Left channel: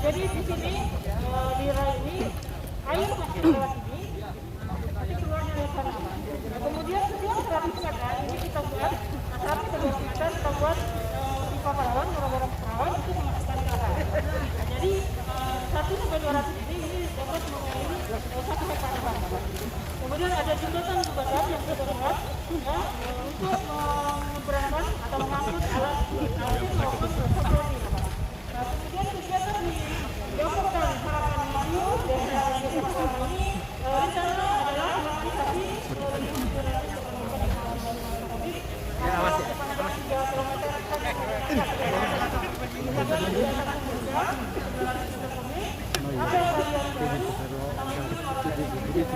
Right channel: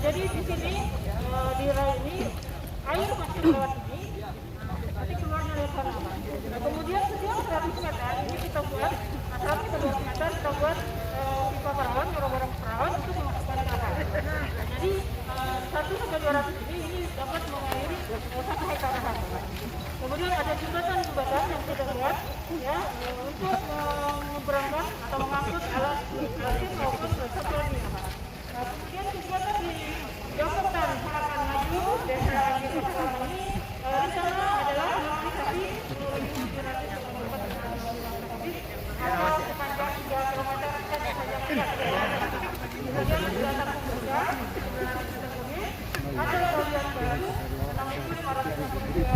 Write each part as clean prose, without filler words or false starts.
Jadi di sini di rai ini air masuk lewat sini, nanti keluarnya lewat sana. Nah, kemudian setiap 100 meter ini kita buat, sampai 200 meter kita buat pipa perawan, gorong-gorong perawan untuk memasukkan ke arah. Nah, jadi 1 sampai 200 ini dapat mengairi 1 hektar lahan. Kemudian ada jembatan yang kita buat ya untuk menyeberangkan atau mengangkut alat maupun sesuatu ini. Nah, kemudian kegiatan ini Jokatan Harapan Maju Desa Desa ini rencana adalah merealisasi 2.700 atau sepanjang 3 km sampai 3 km. Kemudian kegiatan pemuda 900 meter kubik, ada galian baru 6.500 meter kubik.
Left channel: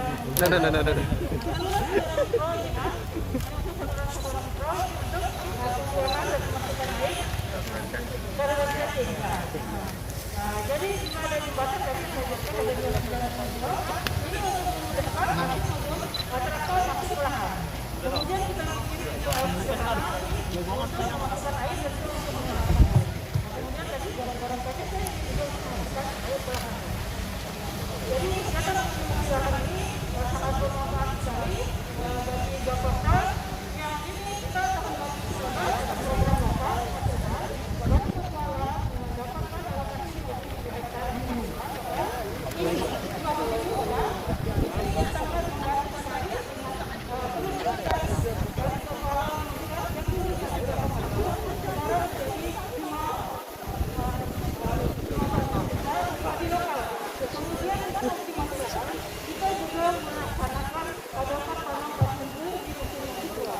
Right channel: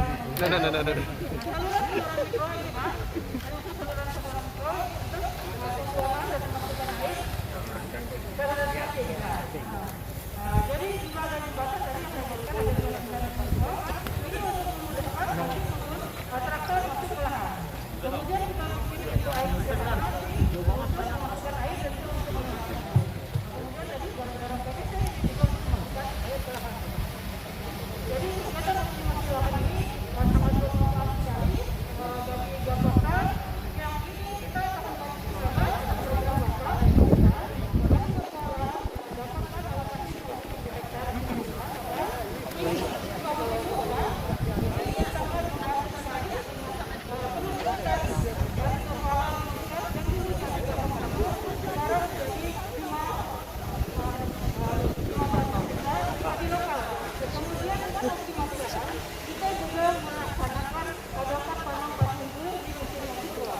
Jadi jika ada jembatan tadi saya jelaskan ada 2 mikro ini untuk memudahkan maupun traktor masuk ke lahan. Kemudian kita bikin itu air sederhana untuk memasukkan air dan itu untuk menggunakan. Kemudian tadi gorong-gorong PVC juga untuk memasukkan air ke lahan. Jadi kegiatan optimasi lahan ini sangat bermanfaat sekali bagi Jakarta. Yang ini kita tahun lalu ada program Bapak dapatkan alokasi 20 hektar ini ini sangat membantu sekali perlu diingat dari pengelolaan masyarakat yang dulu sekarang menjadi cuma di lokal. Kemudian untuk optimalisasi kita juga melaksanakan padokan tanam padi di musim yang kedua.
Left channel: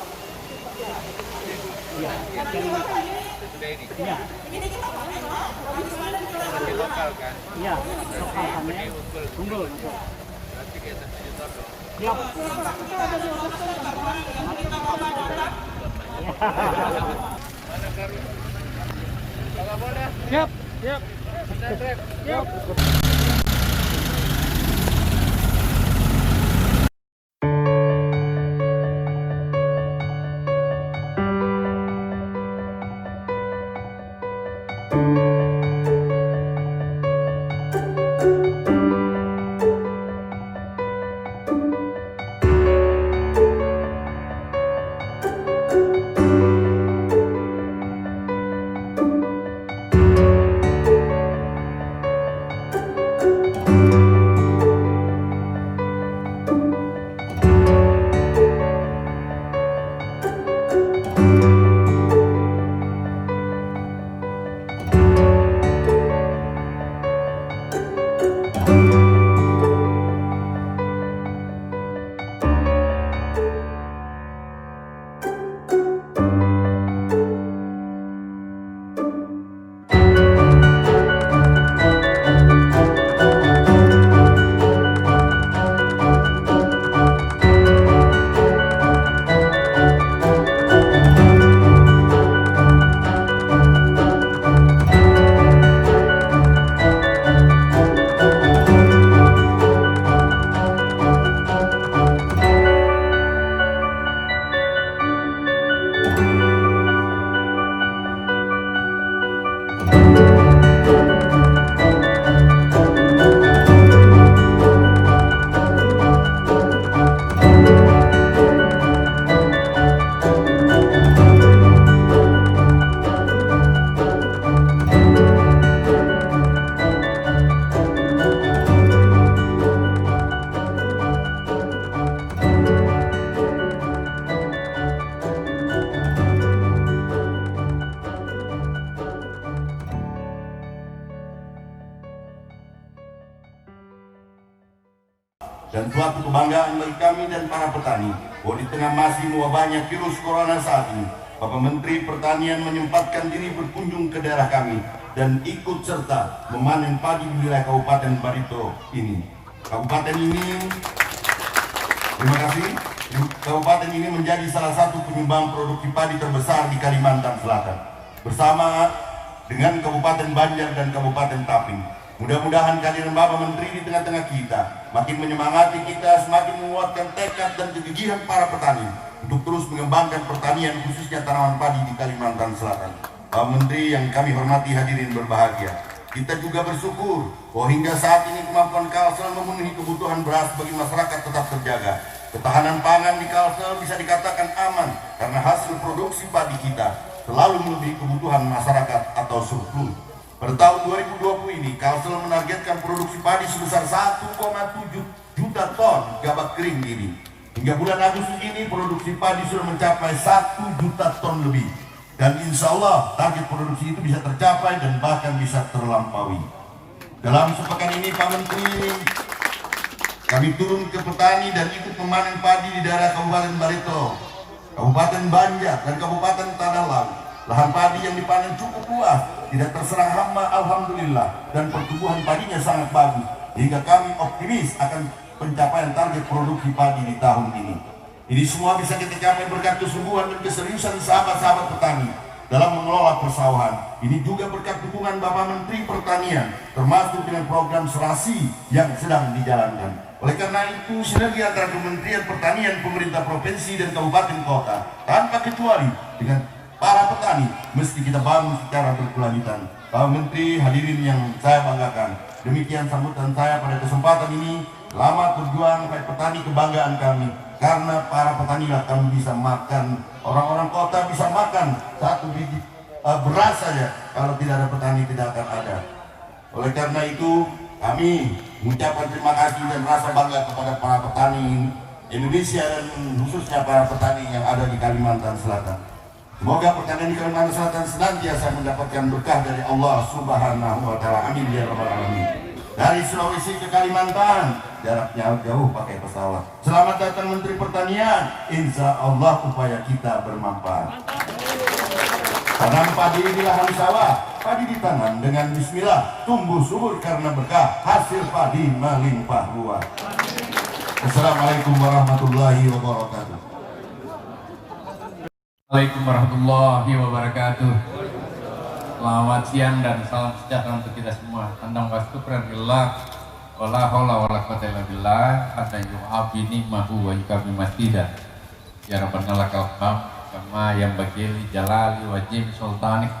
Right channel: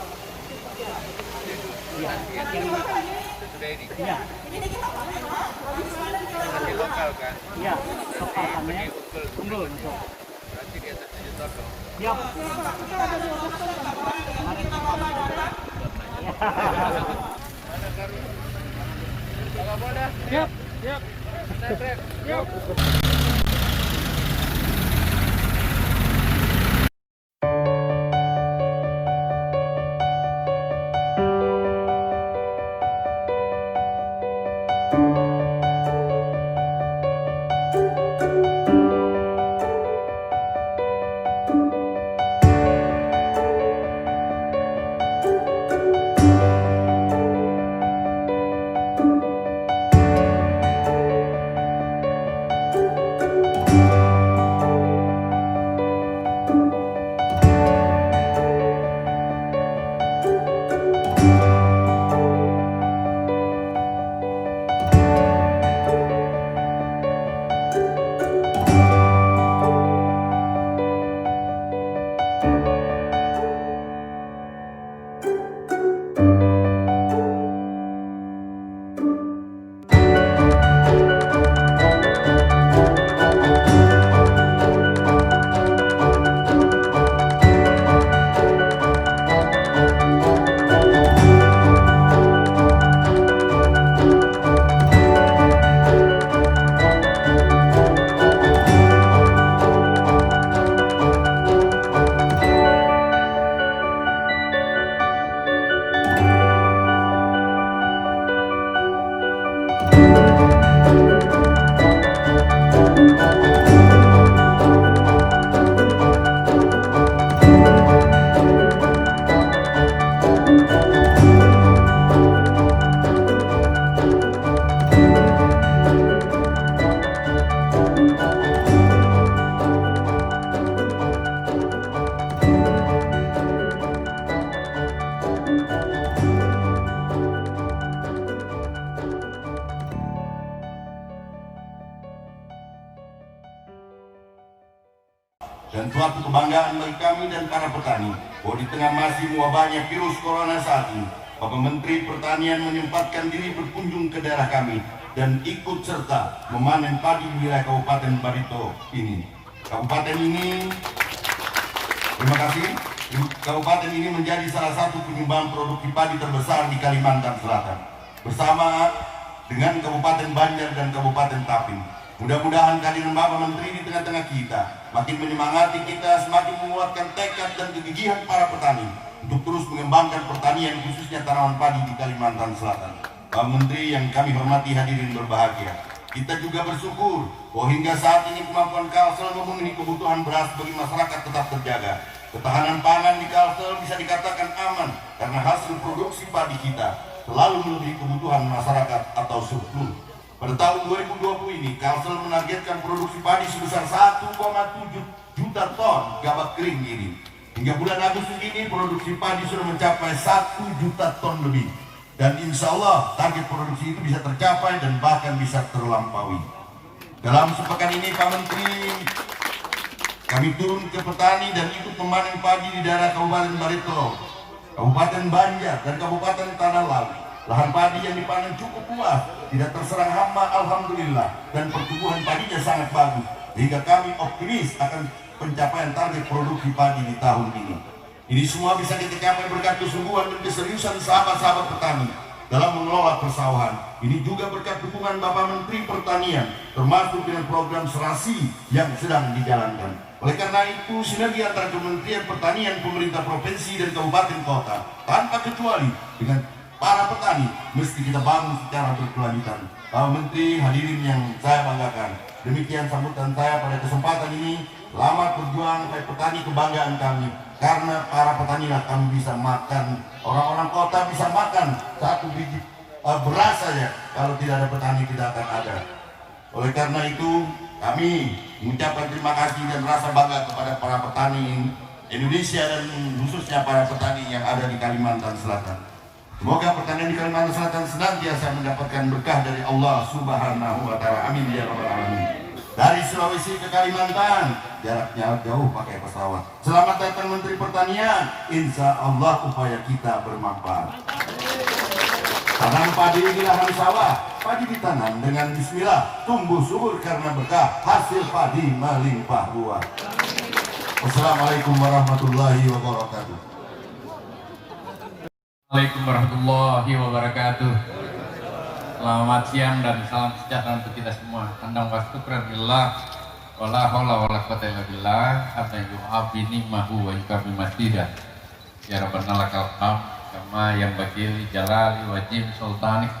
Tapi ini masih lokal kan? Iya, lokal kami unggul. Ya, kita ada di Augusta kemarin. Siap, siap. dan suatu kebanggaan bagi kami dan para petani bahwa di tengah masih mewabahnya virus corona saat ini, Bapak Menteri Pertanian menyempatkan diri berkunjung ke daerah kami dan ikut serta memanen padi di wilayah Kabupaten Barito ini. Kabupaten ini, terima kasih. Kabupaten ini menjadi salah satu penyumbang produksi padi terbesar di Kalimantan Selatan, bersama dengan Kabupaten Banjar dan Kabupaten Tapin. Mudah-mudahan kehadiran Bapak Menteri di tengah-tengah kita makin menyemangati kita, semakin menguatkan tekad dan kegigihan para petani untuk terus mengembangkan pertanian, khususnya tanaman padi di Kalimantan Selatan. Pak Menteri yang kami hormati, hadirin berbahagia, kita juga bersyukur bahwa hingga saat ini kemampuan Kalsel memenuhi kebutuhan beras bagi masyarakat tetap terjaga. Ketahanan pangan di Kalsel bisa dikatakan aman karena hasil produksi padi kita selalu melebihi kebutuhan masyarakat atau surplus. Pada tahun 2020 ini, Kalsel menargetkan produksi padi sebesar 1,7 juta ton gabah kering ini. Hingga bulan Agustus ini, produksi padi sudah mencapai 1 juta ton lebih. Dan insya Allah, target produksi itu bisa tercapai dan bahkan bisa terlampaui. Dalam sepekan ini, Pak Menteri, kami turun ke petani dan ikut memanen padi di daerah Kabupaten Barito, Kabupaten Banjar, dan Kabupaten Tanah Laut. Lahan padi yang dipanen cukup luas, tidak terserang hama, alhamdulillah, dan pertumbuhan padinya sangat bagus, sehingga kami optimis akan pencapaian target produksi padi di tahun ini. Ini semua bisa kita capai berkat kesungguhan dan keseriusan sahabat-sahabat petani dalam mengelola persawahan. Ini juga berkat dukungan Bapak Menteri Pertanian, termasuk dengan program serasi yang sedang dijalankan. Oleh karena itu, sinergi antara Kementerian Pertanian, pemerintah provinsi dan kabupaten kota, tanpa kecuali dengan para petani, mesti kita bangun secara berkelanjutan. Pak Menteri, hadirin yang saya banggakan, demikian sambutan saya pada kesempatan ini. Selamat berjuang baik petani, kebanggaan kami. Karena para petani lah kami bisa makan, orang-orang kota bisa makan 1 biji beras saja. Kalau tidak ada petani tidak akan ada. Oleh karena itu, kami mengucapkan terima kasih dan rasa bangga kepada para petani Indonesia dan khususnya para petani yang ada di Kalimantan Selatan. Semoga pertanian di Kalimantan Selatan senantiasa mendapatkan berkah dari Allah Subhanahu wa Ta'ala. Amin ya rabbal alamin. Dari Sulawesi ke Kalimantan, jaraknya jauh pakai pesawat. Selamat datang Menteri Pertanian. Insya Allah upaya kita bermanfaat. Tanam padi di lahan sawah, padi ditanam dengan bismillah, tumbuh subur karena berkah, hasil padi melimpah ruah. Assalamualaikum warahmatullahi wabarakatuh. Assalamualaikum warahmatullahi wabarakatuh. Selamat siang dan salam sejahtera untuk kita semua. Andam wasyukran billah wala haula wala quwwata illa billah hatta yu'afi nikmahu wa yukarrim masjidah. Ya Rabbana lakal hamd kama yang bagil jalali wajib sultanik.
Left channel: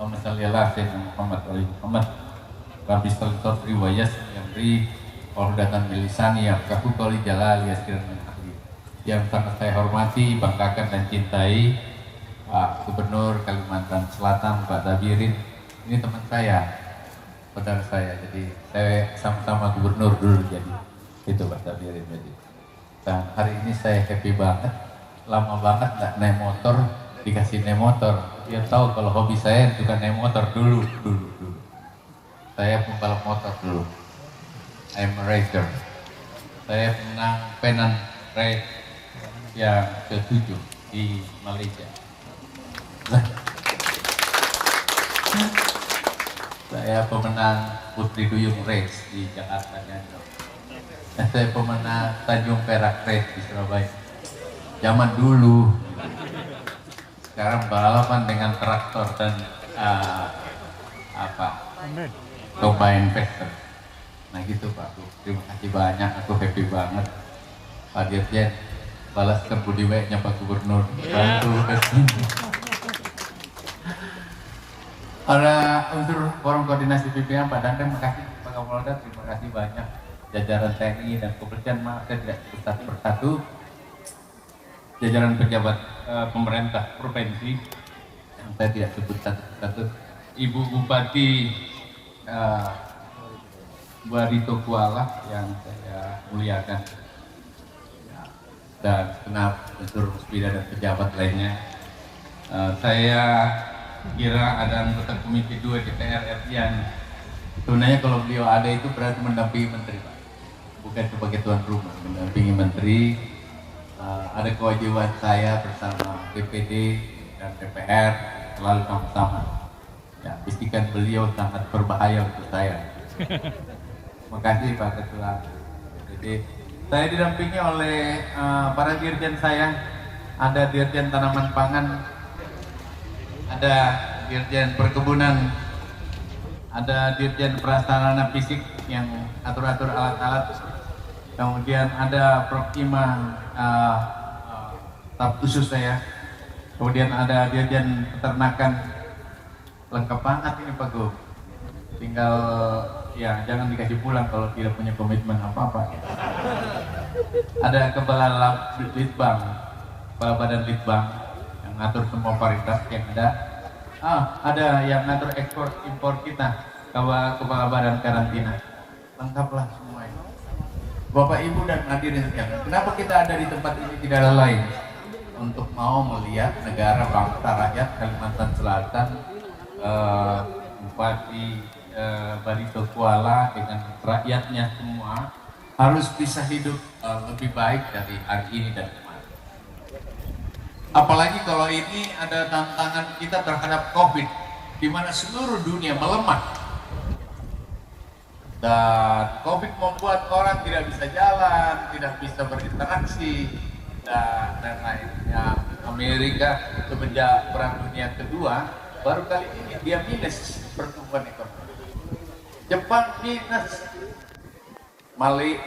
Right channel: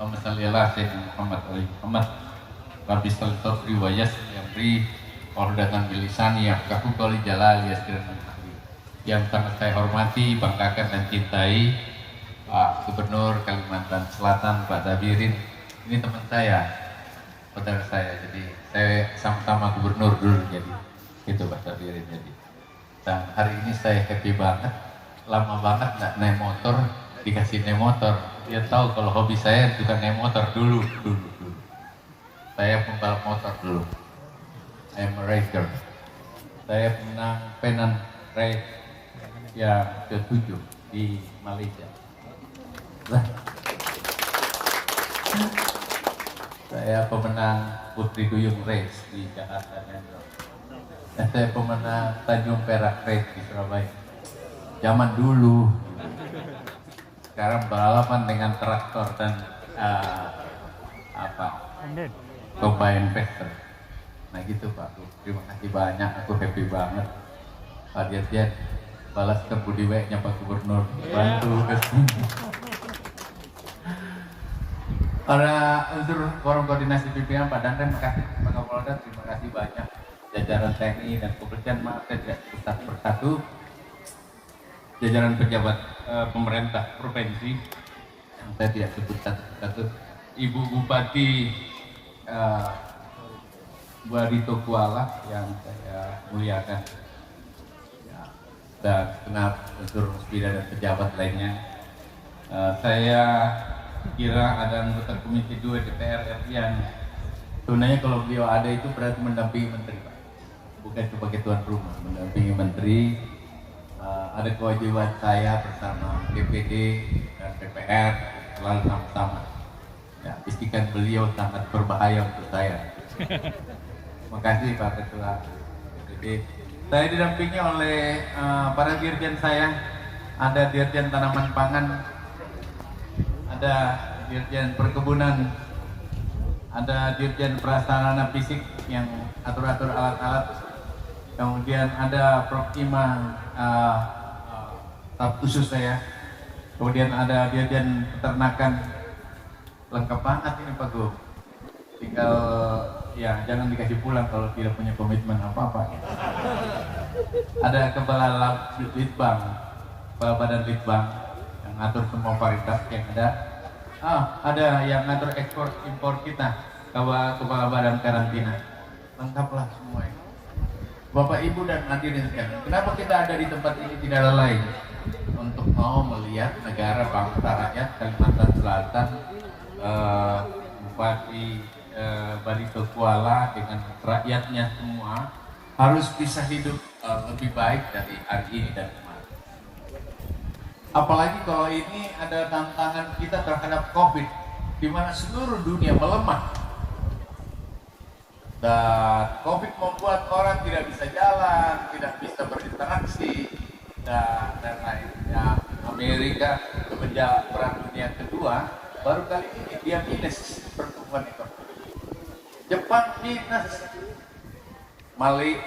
Allahumma shalli ala sayyidina Muhammad wa ali Muhammad. Rabbi sallallahu wa yasri ordatan bilisani yafqahu qawli jalali yasrin manhali. Yang sangat saya hormati, banggakan dan cintai Pak Gubernur Kalimantan Selatan, Pak Dabirin. Ini teman saya, saudara saya. Jadi saya sama-sama gubernur dulu, jadi itu Pak Dabirin. Jadi dan hari ini saya happy banget, lama banget nggak naik motor, dikasih naik motor. Dia tahu kalau hobi saya bukan naik motor dulu. Saya pembalap motor dulu. I'm a racer. Saya menang Penang Race yang ke-7 di Malaysia. Saya pemenang Putri Duyung Race di Jakarta. Saya pemenang Tanjung Perak Race di Surabaya. Zaman dulu. Sekarang balapan dengan traktor dan combine tractor. Nah gitu Pak. Terima kasih banyak. Aku happy banget. Pak Dirjen, balaskan budi baiknya Pak Gubernur. Para unsur forum koordinasi pimpinan Pak Dandan, terima kasih Pak Kapolda, terima kasih banyak jajaran TNI dan kepolisian, maaf saya tidak sebut persatu, jajaran pejabat pemerintah provinsi yang saya tidak sebut satu-satu, Ibu Bupati Barito Kuala yang saya muliakan, dan kenal unsur musbida dan pejabat lainnya. Saya kira ada anggota Komisi 2 DPR RI yang sebenarnya kalau beliau ada itu berarti mendampingi menteri Pak. bukan sebagai tuan rumah, mendampingi menteri. Ada kewajiban saya bersama DPD dan DPR selalu sama-sama. Ya, bisikan beliau sangat berbahaya untuk saya. Terima kasih Pak Ketua. Jadi saya didampingi oleh para dirjen saya. Ada dirjen tanaman pangan, ada dirjen perkebunan, ada dirjen prasarana fisik yang atur-atur alat-alat, kemudian ada Prokima staf khusus saya, kemudian ada dirjen peternakan. Lengkap banget ini Pak Gub. Tinggal ya jangan dikasih pulang kalau tidak punya komitmen apa-apa. Ada kepala Litbang, kepala badan Litbang yang ngatur semua varietas yang ada. Ada yang ngatur ekspor impor kita, kepala badan karantina. Lengkaplah semuanya. Bapak Ibu dan hadirin sekalian, kenapa kita ada di tempat ini tidak lain? Untuk mau melihat negara bangsa rakyat Kalimantan Selatan, Bupati Barito Kuala dengan rakyatnya semua harus bisa hidup lebih baik dari hari ini dan kemarin. Apalagi kalau ini ada tantangan kita terhadap COVID, di mana seluruh dunia melemah. Dan COVID membuat orang tidak bisa jalan, tidak bisa berinteraksi, dan lain-lain. Ya, Amerika semenjak Perang Dunia Kedua baru kali ini dia minus pertumbuhan ekonomi. Jepang minus.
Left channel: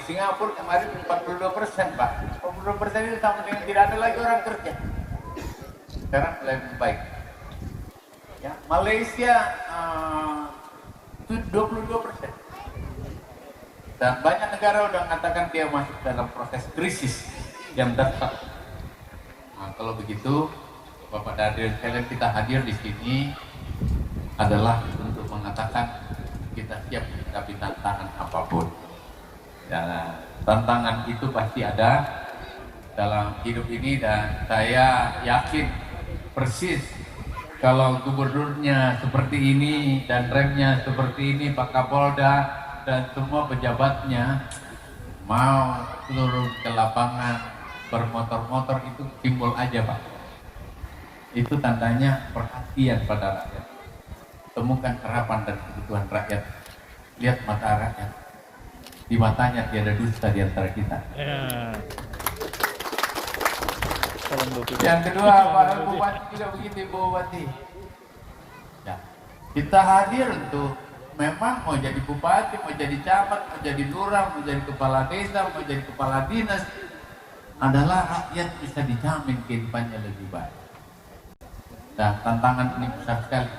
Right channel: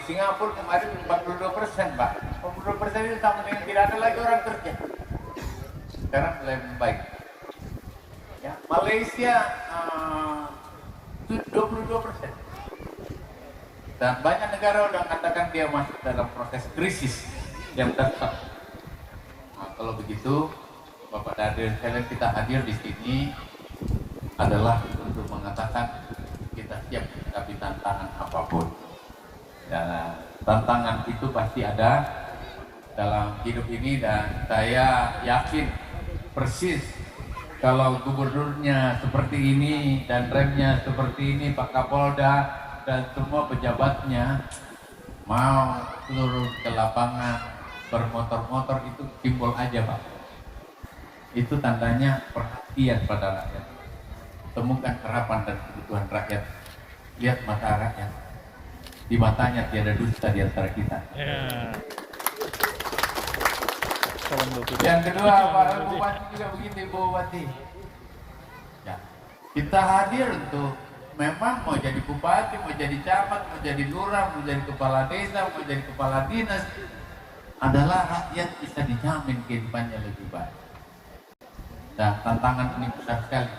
Singapura kemarin 42%, Pak. 42% itu sama dengan tidak ada lagi orang kerja. Sekarang mulai membaik. Ya, Malaysia 22%. Dan banyak negara sudah mengatakan dia masuk dalam proses krisis yang tetap. Nah, kalau begitu, Bapak dan sekalian, kita hadir di sini adalah untuk mengatakan kita siap menghadapi tantangan apapun. Ya, tantangan itu pasti ada dalam hidup ini, dan saya yakin persis kalau gubernurnya seperti ini dan remnya seperti ini, Pak Kapolda dan semua pejabatnya mau turun ke lapangan bermotor-motor, itu simbol aja Pak. Itu tandanya perhatian pada rakyat. Temukan harapan dan kebutuhan rakyat. Lihat mata rakyat. Di matanya tiada dusta di antara kita. Yang kedua, Pak Bupati juga begitu, Bu Bupati. Ya, kita hadir untuk memang mau jadi bupati, mau jadi camat, mau jadi lurah, mau jadi kepala desa, mau jadi kepala dinas, adalah rakyat bisa dijamin kehidupannya lebih baik. Nah, tantangan ini besar sekali.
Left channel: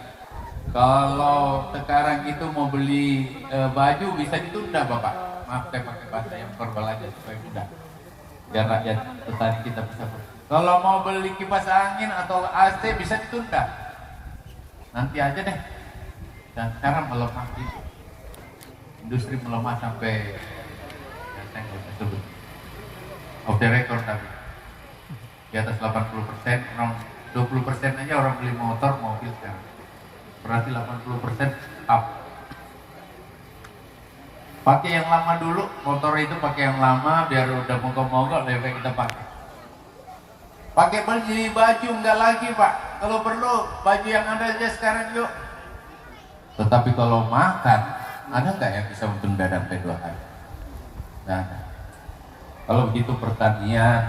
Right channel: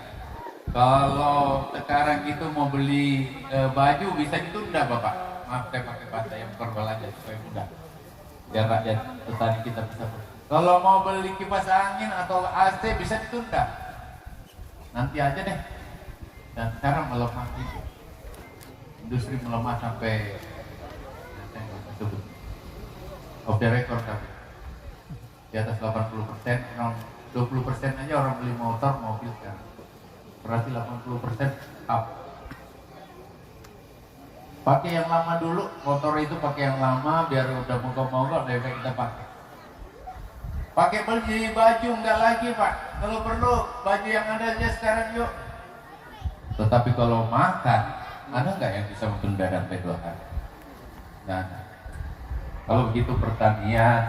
Kalau sekarang itu mau beli baju bisa ditunda, Bapak. Maaf, saya pakai bahasa yang verbal aja supaya mudah. Biar rakyat petani kita bisa bersih. Kalau mau beli kipas angin atau AC bisa ditunda. Nanti aja deh. Dan sekarang melemah itu. Industri melemah sampai saya nggak bisa sebut. Off the record tapi di atas 80%, orang 20% aja orang beli motor, mobil sekarang. Berarti 80% up. Pakai yang lama dulu, motor itu pakai yang lama biar udah mogok-mogok lebih kita pakai. Pakai beli baju enggak lagi Pak. Kalau perlu baju yang ada aja sekarang yuk. Tetapi kalau makan, ada nggak yang bisa menunda sampai 2 hari? Nah, kalau begitu pertanian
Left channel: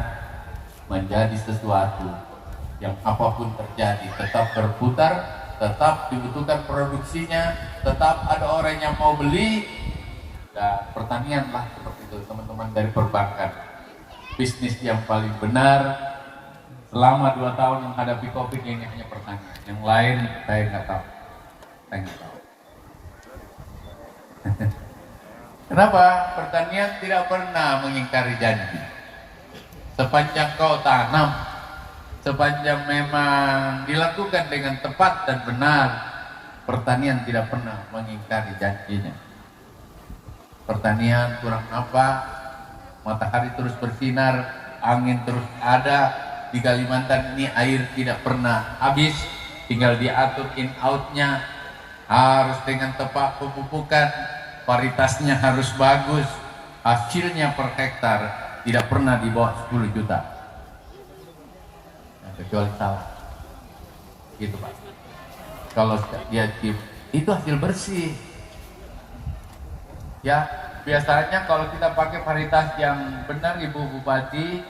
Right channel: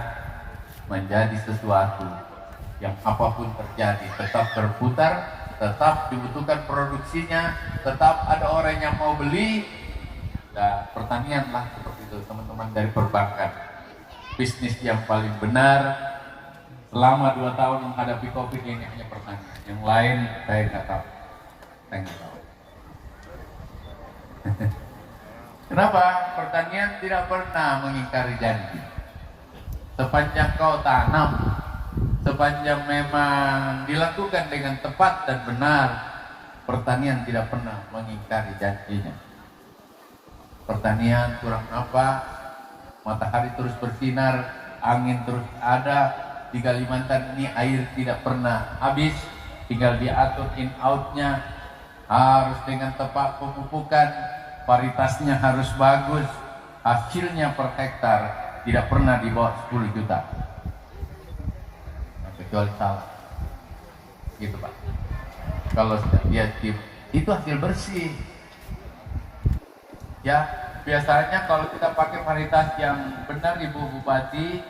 menjadi sesuatu yang apapun terjadi tetap berputar, tetap dibutuhkan produksinya, tetap ada orang yang mau beli. Nah, pertanian lah seperti itu teman-teman dari perbankan. Bisnis yang paling benar selama 2 tahun menghadapi COVID ini hanya pertanian. Yang lain saya nggak tahu. Saya nggak tahu. Kenapa? Pertanian tidak pernah mengingkari janji. Sepanjang kau tanam, sepanjang memang dilakukan dengan tepat dan benar, pertanian tidak pernah mengingkari janjinya. Pertanian kurang apa? Matahari terus bersinar, angin terus ada. Di Kalimantan ini air tidak pernah habis, tinggal diatur in outnya, harus dengan tepat pemupukan, varietasnya harus bagus, hasilnya per hektar tidak pernah di bawah 10 juta. Kecuali salah. Gitu Pak. Kalau dia itu hasil bersih. Ya, biasanya kalau kita pakai varietas yang benar Ibu Bupati,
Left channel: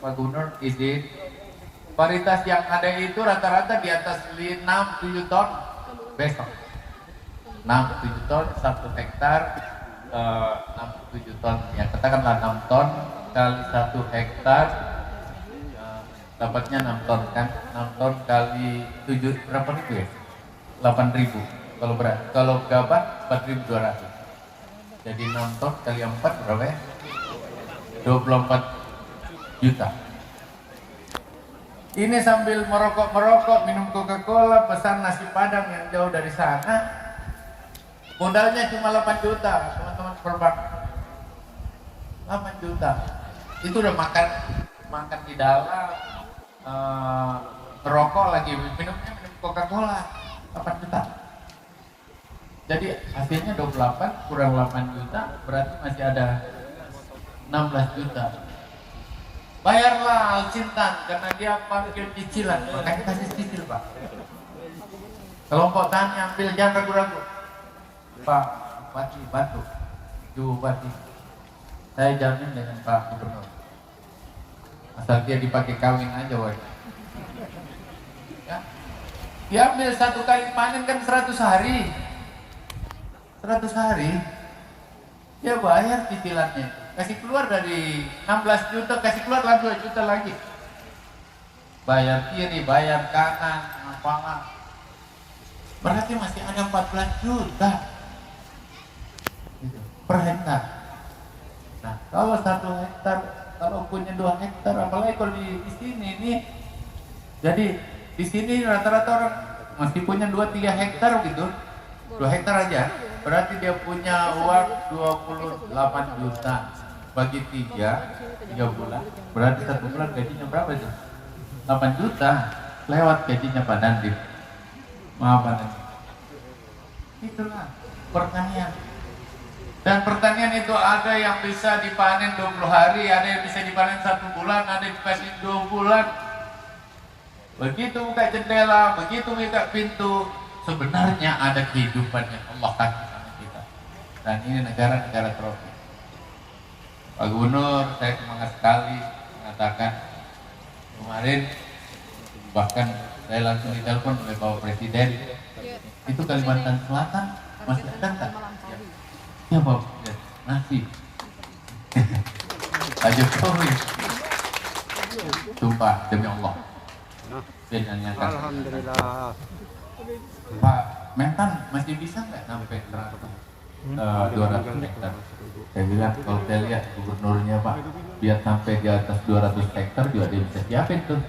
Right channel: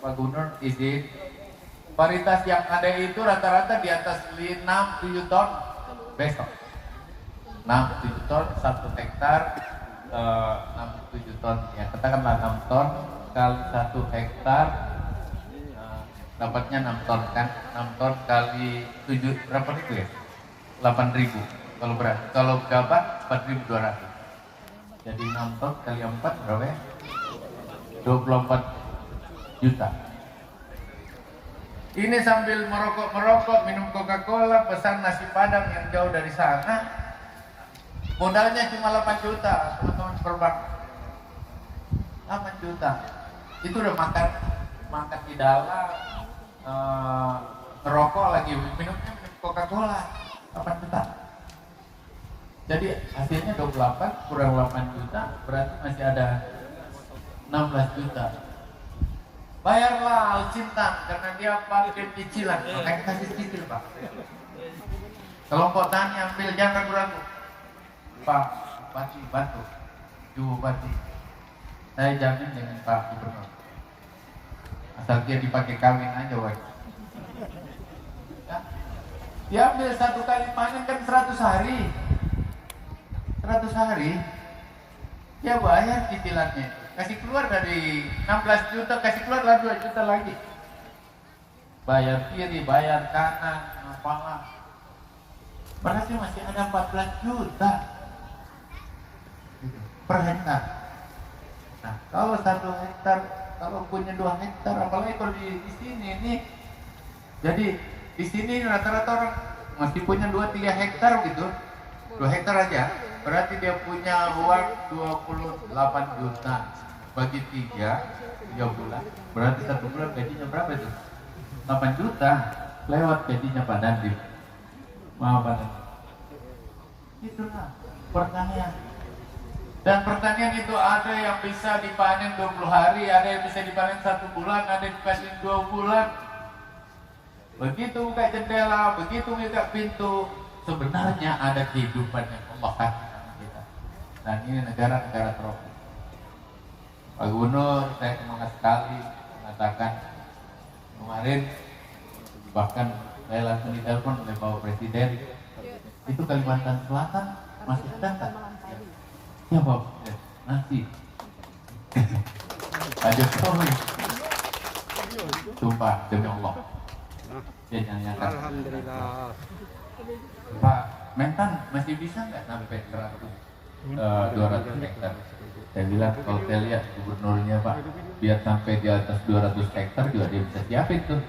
Pak Gubernur izin, varietas yang ada itu rata-rata di atas 6-7 ton besok. 6-7 ton 1 hektar, 6-7 ton, ya katakanlah 6 ton kali 1 hektar, dapatnya 6 ton kan, 6 ton kali 7 berapa itu ya? 8.000 kalau berat, kalau gabah 4.200. Jadi 6 ton kali 4 berapa ya? 24 juta. Ini sambil merokok, minum Coca-Cola, pesan nasi Padang yang jauh dari sana. Modalnya cuma 8 juta, teman-teman seperempat. 8 juta. Itu udah makan di dalam, merokok lagi, minum Coca-Cola, 8 juta. Jadi hasilnya 28 kurang 8 juta, berarti masih ada 16 juta. Bayarlah Al-Sintan karena dia pakai cicilan, makanya kasih cicil Pak. Kelompok tani ambil, jangan ragu-ragu. Pak Bupati bantu, Ibu Bupati, saya jamin dengan Pak Gubernur. Asal dia dipakai kawin aja, woy. Ya? Diambil 1 kali panen kan 100 hari. 100 hari dia bayar cicilannya, kasih keluar dari 16 juta, kasih keluar lagi 2 juta lagi, bayar kiri, bayar kanan, apalah, berarti masih ada 14 juta per hektar. Nah, kalau 1 hektar, kalau punya 2 hektar, apalagi kalau di sini nih, jadi di sini rata-rata orang masih punya 2-3 hektar gitu, 2 hektar aja. Berarti dia punya uang 28 juta bagi 3 bulan. Berarti 1 bulan gajinya berapa itu? 8 juta lewat gajinya Pak Dandim. Maaf Pak Dandim. Itulah pertanian. Dan pertanian itu ada yang bisa dipanen 20 hari, ada yang bisa dipanen 1 bulan, ada yang dikasih 2 bulan. Begitu buka jendela, begitu buka pintu, sebenarnya ada kehidupan yang Allah kasih. Dan ini negara-negara tropis. Pak Gubernur, saya semangat sekali mengatakan kemarin, bahkan saya langsung ditelepon oleh Bapak Presiden, itu Kalimantan Selatan masih ada nggak? Ya Bapak Presiden, nasi. Pak Jokowi, sumpah demi Allah. Alhamdulillah. Pak Mentan masih bisa nggak sampai 200 hektar? Saya bilang kalau saya lihat gubernurnya Pak, biar sampai di atas 200 hektar juga dia bisa siapin tuh.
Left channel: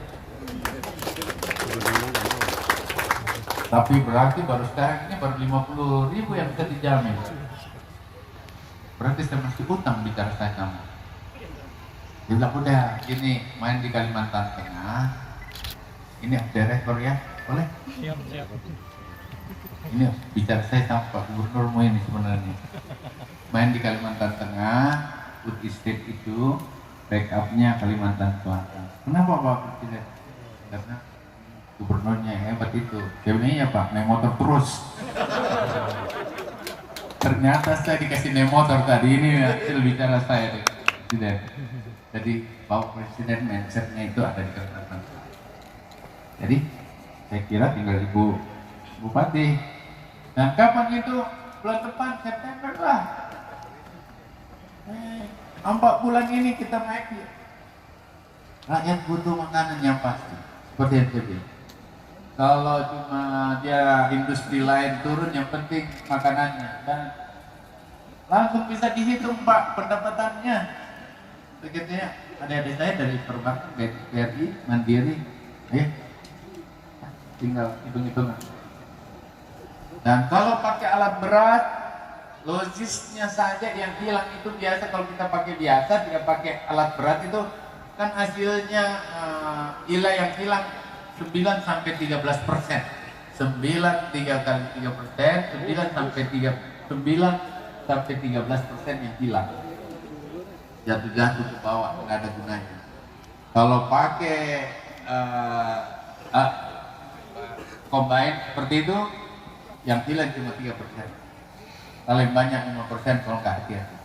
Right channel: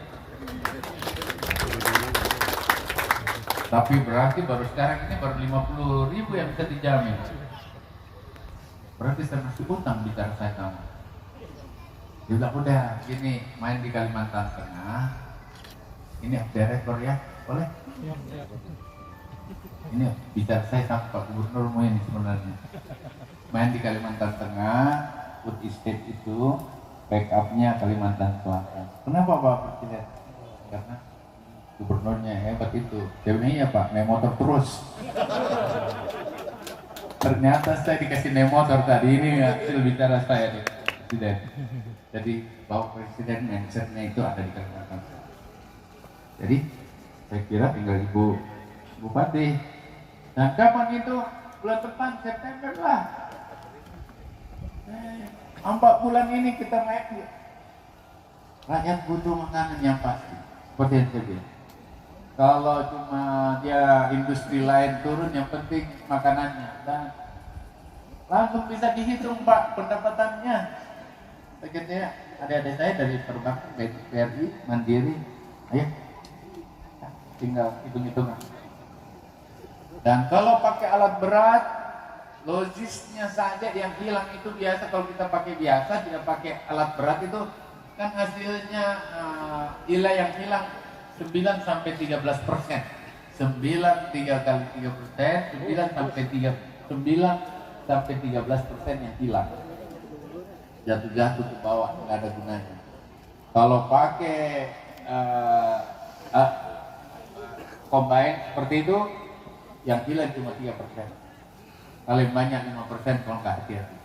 Tapi berarti baru sekarang ini baru 50.000 yang bisa dijamin. Berarti saya masih utang bicara saya kamu. Dia bilang udah gini, main di Kalimantan Tengah. Ini direktur ya, boleh? Siap. Ini bicara saya sama Pak Gubernur ini sebenarnya. Main di Kalimantan Tengah, food estate itu backupnya Kalimantan Selatan. Kenapa Pak Presiden? Karena gubernurnya hebat itu. Jadinya ya Pak, naik motor terus. Ternyata saya dikasih naik motor tadi, ini hasil bicara saya Presiden. Jadi Bapak Presiden mindsetnya itu ada di Kalimantan Selatan. Jadi saya kira tinggal Ibu Bupati. Dan kapan itu? Bulan depan September lah. 4 bulan ini kita naik ya. Rakyat butuh makanan yang pasti. Seperti yang saya bilang. Kalau cuma dia industri lain turun, yang penting makanannya. Dan langsung bisa dihitung Pak pendapatannya. Begitu ya. Adik-adik saya dari perbankan, BRI, Mandiri, ya. Tinggal hitung-hitungan. Dan kalau pakai alat berat, logisnya saja yang hilang itu biasa. Kalau kita pakai biasa, tidak pakai alat berat itu kan hasilnya nilai yang hilang 9 sampai 13%. 9 3 kali 3%, 9 sampai 13% yang hilang. jatuh-jatuh ke bawah, nggak ada gunanya. Kalau pakai combine seperti itu, yang hilang cuma 3%, paling banyak 5% kalau nggak hati-hati.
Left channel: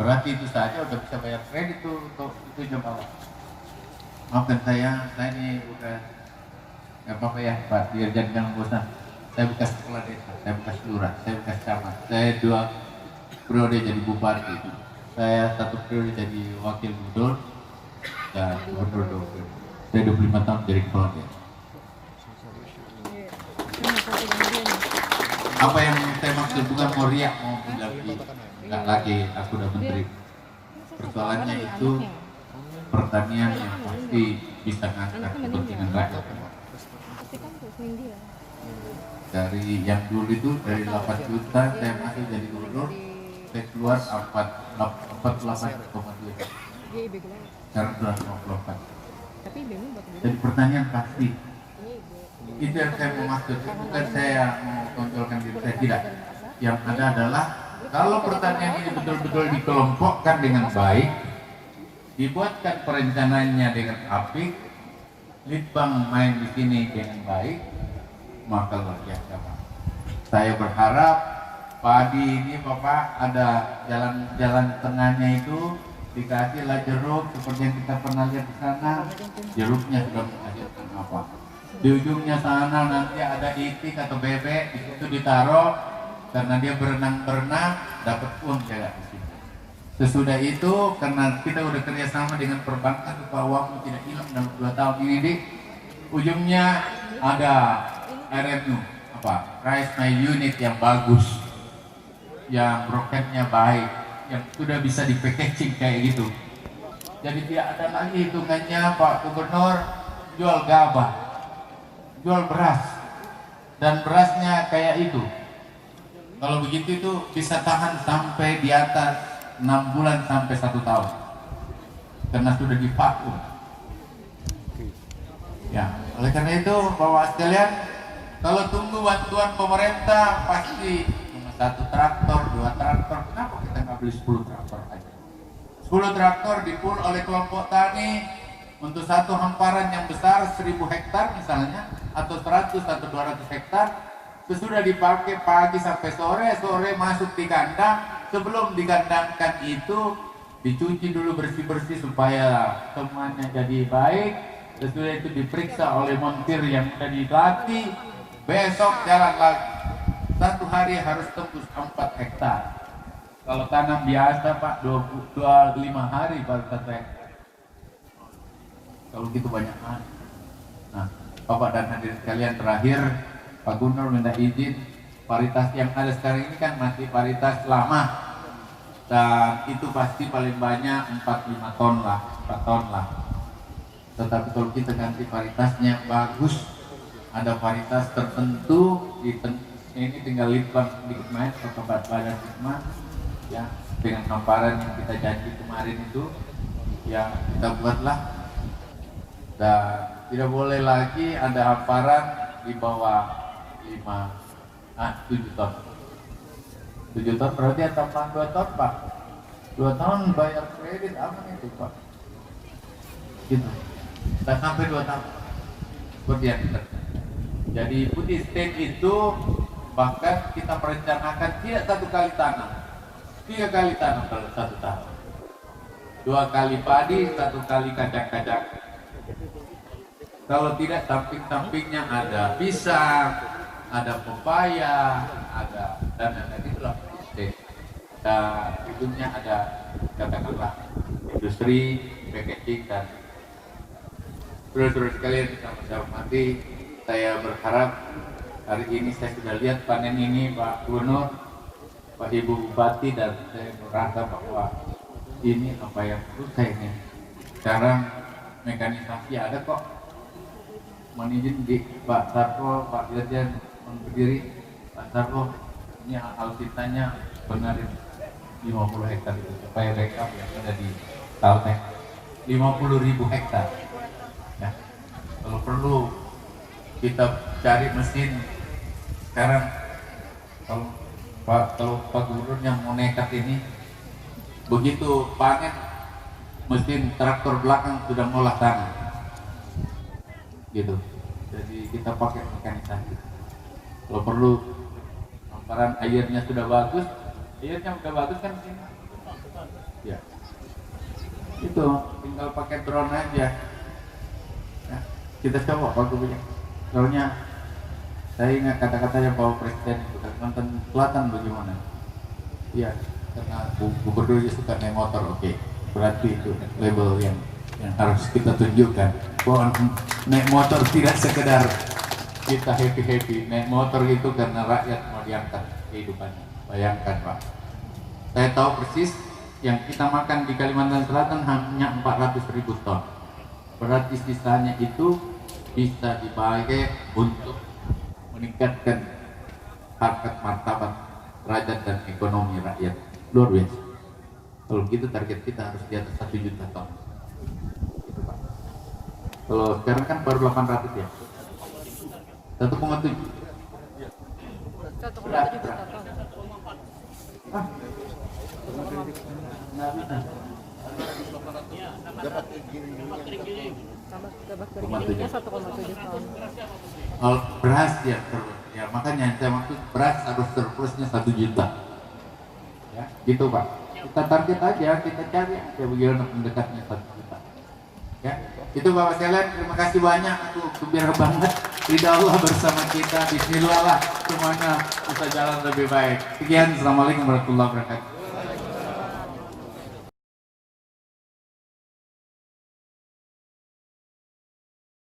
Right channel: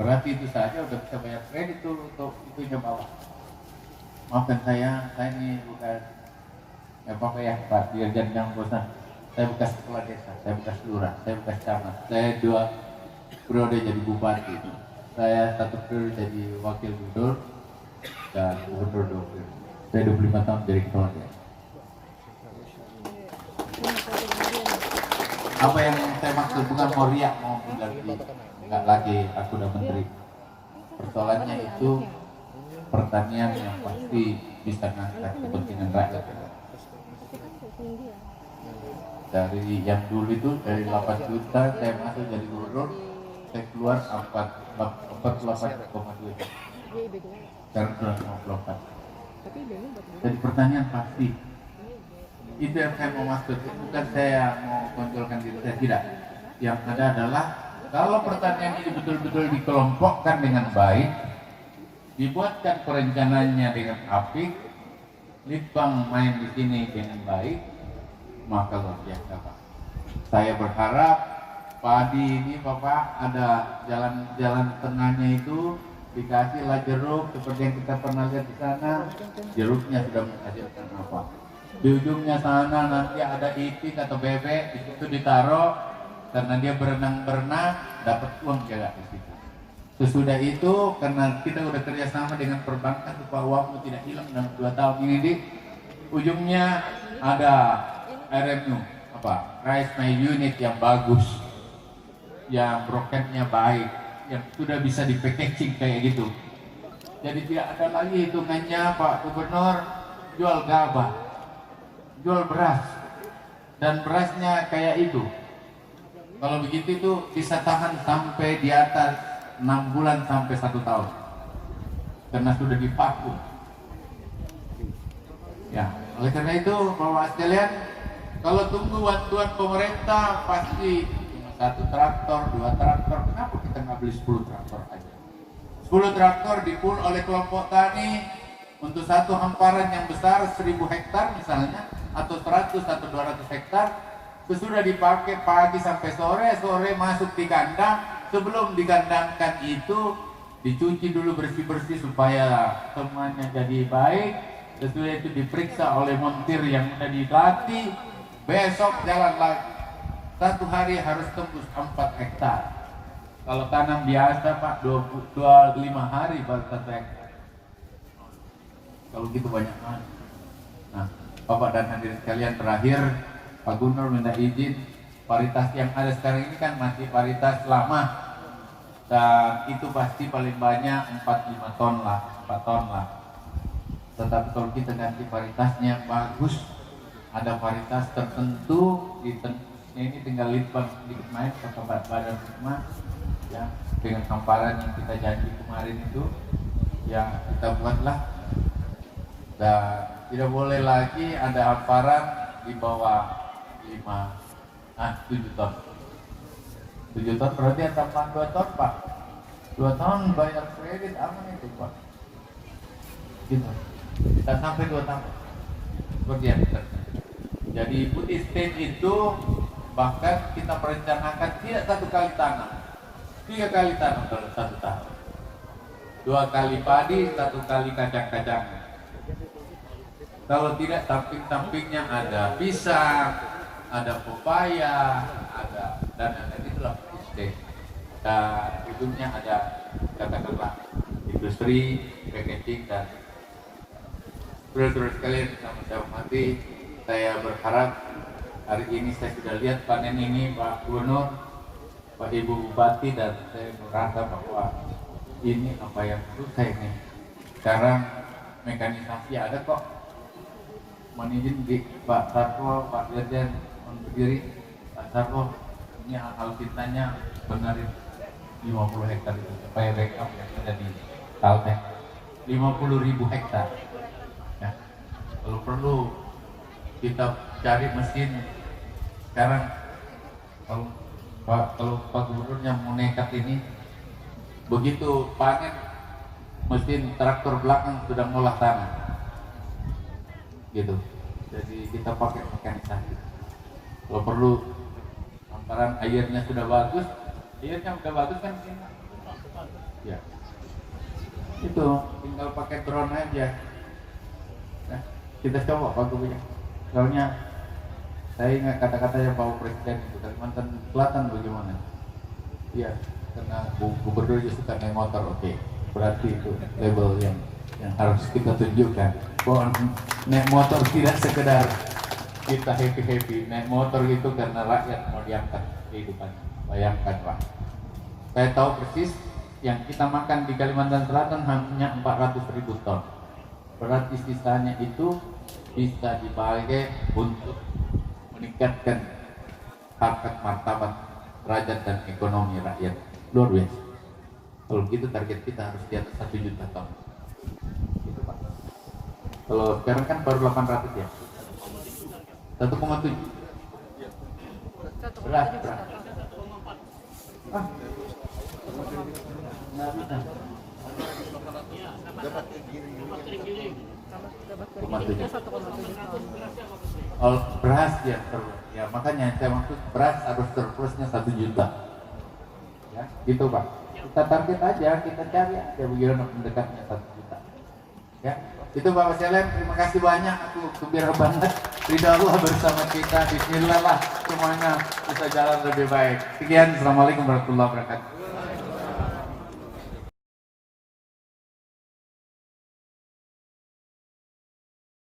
Berarti itu saja udah bisa bayar kredit tuh untuk itu jemaah. Maafkan saya ini bukan nggak apa-apa ya Pak Dirjen, jangan bosan. Saya bekas kepala desa, saya bekas lurah, saya bekas camat, saya 2 periode jadi bupati, saya 1 periode jadi wakil gubernur dan gubernur 2 periode. Saya 25 tahun jadi kepala desa. Apa yang saya maksud bukan mau riak, mau lagi, nggak lagi aku udah menteri. Persoalannya itu pertanian yang pasti bisa ngangkat kepentingan rakyat. Dari yang dulu itu dari 8 juta saya masuk jadi gubernur, saya keluar 48,2, sekarang sudah 54. Jadi pertanyaan pasti. Itu yang saya mau maksud, bukan saya mau kontrolkan diri saya, tidak. Yang ada adalah kalau pertanian ini betul-betul dikelompokkan dengan baik, dibuatkan perencanaannya dengan apik, Litbang main di sini dengan baik, maka luar biasa Pak. Saya berharap padi ini Bapak ada jalan tengahnya itu dikasihlah jeruk seperti yang kita pernah lihat di sana. Jeruknya sudah menghasilkan apa? Di ujungnya sana nanti ada itik atau bebek, di situ ditaruh karena dia berenang dapat uang kayak di situ. Sesudah itu karena kita udah kerjasama dengan perbankan supaya uangmu tidak hilang dalam 2 tahun ini, di ujungnya ada RMU Rice My Unit yang bagus, yang broketnya baik, yang sudah bisa di packaging kayak gitu. Jadi tidak ada lagi hitungannya Pak Gubernur jual gabah, jual beras, dan berasnya kayak itu. Kalau begitu itu bisa tahan sampai di atas 6 bulan sampai 1 tahun karena sudah divakum. Ya, oleh karena itu Bapak sekalian, kalau tunggu bantuan pemerintah pasti cuma 1 traktor, 2 traktor. Kenapa kita nggak beli 10 traktor aja? 10 traktor dipul oleh kelompok tani untuk satu hamparan yang besar 1000 hektar misalnya, atau 100 atau 200 hektar. Sesudah dipakai pagi sampai sore masuk di kandang. Sebelum dikandangkan itu dicuci dulu bersih-bersih supaya semuanya jadi baik. Sesudah itu diperiksa oleh montir yang sudah dilatih. Besok jalan lagi. 1 hari harus tembus 4 hektar. Kalau tanam biasa Pak 25 hari baru 1 hektar. Kalau gitu banyak banget. Nah, Bapak dan hadirin sekalian, terakhir Pak Gubernur minta izin, paritas yang ada sekarang ini kan masih paritas lama, dan itu pasti paling banyak 4-5 ton lah, 4 ton lah. Tetapi kalau kita ganti paritasnya bagus, ada paritas tertentu, ini tinggal Litbang sedikit main ke tempat banyak semua, ya, dengan hamparan yang kita janji kemarin itu, yang kita buatlah. Dan tidak boleh lagi ada hamparan di bawah 7 ton. 7 ton berarti tambahan 2 ton Pak. 2 ton bayar kredit aman itu Pak. Gitu. Kita sampai 2 tahun. Seperti yang kita. Jadi putih state itu bahkan kita perencanakan tidak 1 kali tanam, 3 kali tanam kalau 1 tahun. 2 kali padi, 1 kali kacang-kacang. Kalau tidak samping-sampingnya ada pisang, ada pepaya, ada dan itulah state. Dan ujungnya ada katakanlah industri, packaging dan terus sekalian kita hormati. Saya berharap hari ini saya sudah lihat panen ini Pak Gubernur, Pak Ibu Bupati, dan saya merasa bahwa ini apa yang perlu saya ini. Sekarang mekanisasi ada kok. Mohon izin di Pak Sarto, Pak Dirjen berdiri. Pak Sarto, ini auditanya benar 50 hektar itu supaya rekap yang ada di tahunnya 50.000 hektar. Ya. Kalau perlu kita cari mesin sekarang. Kalau Pak Gubernur yang mau nekat ini begitu panen mesin traktor belakang sudah ngolah tanah gitu. Jadi kita pakai mekanisasi. Kalau perlu hamparan airnya sudah bagus kan ini. Ya. Itu tinggal pakai drone aja. Ya. Kita coba Pak Gubernur. Soalnya saya ingat kata-katanya Pak Presiden itu Kalimantan Selatan bagaimana? Iya, karena gubernur suka naik motor, oke. Berarti itu label yang harus kita tunjukkan. Bahwa naik motor tidak sekedar kita happy, naik motor itu karena rakyat mau diangkat kehidupannya. Bayangkan Pak, saya tahu persis yang kita makan di Kalimantan Selatan hanya 400.000 ton. Berarti sisanya itu bisa dipakai untuk meningkatkan harkat martabat derajat dan ekonomi rakyat. Luar biasa. Kalau gitu target kita harus di atas 1 juta ton. Gitu Pak. Kalau sekarang kan baru 800 ya. 1,7. Berat. Beras ya makanya saya maksud beras harus surplusnya 1 juta. Ya, gitu Pak. Kita target aja, kita cari aja bagaimana mendekatnya 1 juta. Ya, itu Bapak sekalian, terima kasih banyak. Aku gembira banget. Ridha Allah bersama kita. Bismillah lah semuanya bisa jalan lebih baik. Sekian, assalamualaikum warahmatullahi wabarakatuh.